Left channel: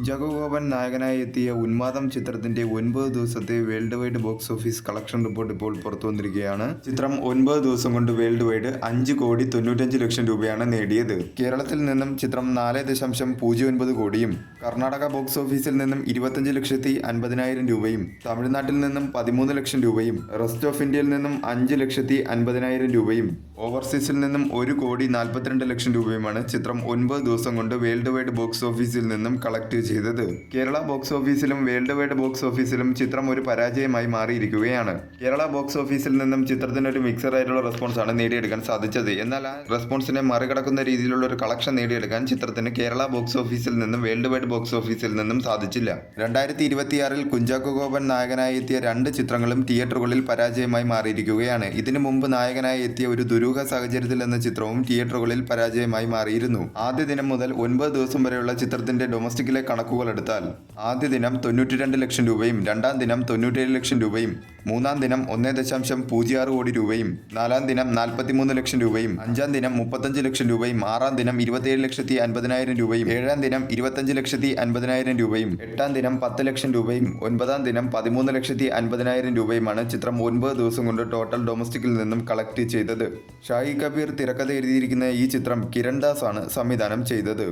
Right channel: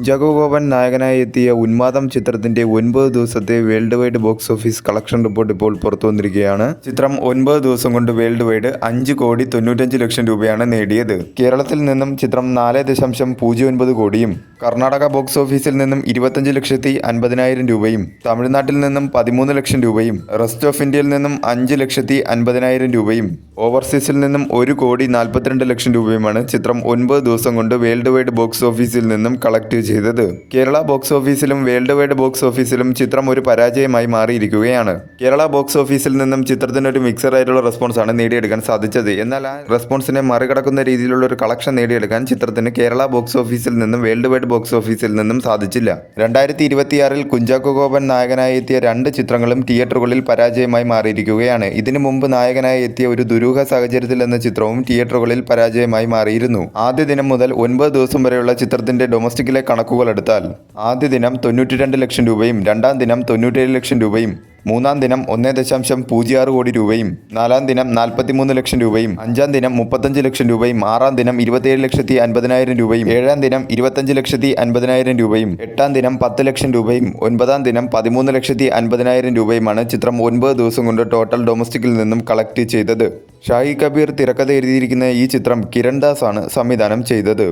കുഞ്ചാക്കോ ബോബൻ നായകനായി എത്തിയ ഉന്മാദം ചിത്രത്തിന്റെ 9 ദിവസത്തെ world wide box office collection report ഇപ്പോൾ പുറത്തു വന്നിരിക്കുകയാണ്. ചിത്രം 9 ദിവസം കൊണ്ട് വേൾഡ് വൈഡ് 5,95,00,000 രൂപയാണ് നേടിയത്. കേരളത്തിൽ നിന്നും ചിത്രം 4.09 കോടിയും കർണാടക ബോക്സ് ഓഫീസിൽ നിന്നും 25,50,000 രൂപയും തമിഴ്നാട്ടിൽ നിന്നും 13 ലക്ഷം രൂപയും റെസ്റ്റ് ഓഫ് ഇന്ത്യയിൽ നിന്നും 5,50,000 രൂപയും ഓവർസീസിൽ നിന്നും 1,42,00,000 രൂപയുമാണ് ചിത്രം 9 ദിവസം കൊണ്ട് വേൾഡ് വൈഡ് ബോക്സ് ഓഫീസിൽ നിന്നും കളക്ട് ചെയ്തത്. കേരള ബോക്സ് ഓഫീസിലും വേൾഡ് വൈഡ് ബോക്സ് ഓഫീസിലും ചിത്രം ഒരു പരാജയമായി മാറിയിരിക്കുകയാണ്. കേരള ബോക്സ് ഓഫീസിൽ നിന്നും ചിത്രത്തിന് ഒരു മിക്സഡ് ആയിട്ടുള്ള റെസ്പോൺസാണ് നേടിയെടുക്കാൻ സാധിച്ചത്. എന്നാൽ ആ റെസ്പോൺസിനെ മറികടക്കുന്ന രീതിയിലുള്ള ഒരു കളക്ഷൻ നേടിയെടുക്കാൻ ചിത്രത്തിന് കേരള ബോക്സ് ഓഫീസിൽ നിന്നും വേൾഡ് വൈഡ് ബോക്സ് ഓഫീസിൽ നിന്നും സാധിച്ചില്ല. 2026 കുഞ്ചാക്കോ ബോബൻ നായകനായി എത്തിയ 2 ചിത്രങ്ങളും തിയേറ്ററുകളിൽ പരാജയമായി മാറിയിരിക്കുകയാണ്. ഇതിനു മുമ്പ് നായകനായി എത്തിയ ഒരു ദുരൂഹ സാഹചര്യത്തിൽ എന്ന ചിത്രവും തിയേറ്ററുകളിൽ പരാജയമായി മാറിയിരുന്നു. ആദ്യ ദിനം മുതൽ 9 ദിവസം വരെയുള്ള ചിത്രത്തിന്റെ ഡൊമസ്റ്റിക്കിലെ കണക്കുകൾ എടുത്താൽ ആദ്യ ദിനം 92 ലക്ഷം രൂപയും രണ്ടാം ദിനം 97 ലക്ഷം രൂപയും മൂന്നാം ദിനം 1.06 കോടി രൂപയും നാലാം ദിനം 43 ലക്ഷം രൂപയും അഞ്ചാം ദിനം 35 ലക്ഷം രൂപയും ആറാം ദിനം 27,50,000 രൂപയും ഏഴാം ദിനം 25,50,000 രൂപയും എട്ടാം ദിനം 10 ലക്ഷം രൂപയും ഒൻപതാം ദിനം 13,50,000 രൂപയുമാണ് ചിത്രം 9 ദിവസം കൊണ്ട് ടോട്ടൽ ഡൊമസ്റ്റിക്കിൽ നിന്നും കളക്ട് ചെയ്തത്. ഷാഹി കബീർ തിരക്കഥ എഴുതിയിരിക്കുന്ന ഈ ചിത്രം കിരൺ ദാസ് ആണ് സംവിധാനം ചെയ്തത്.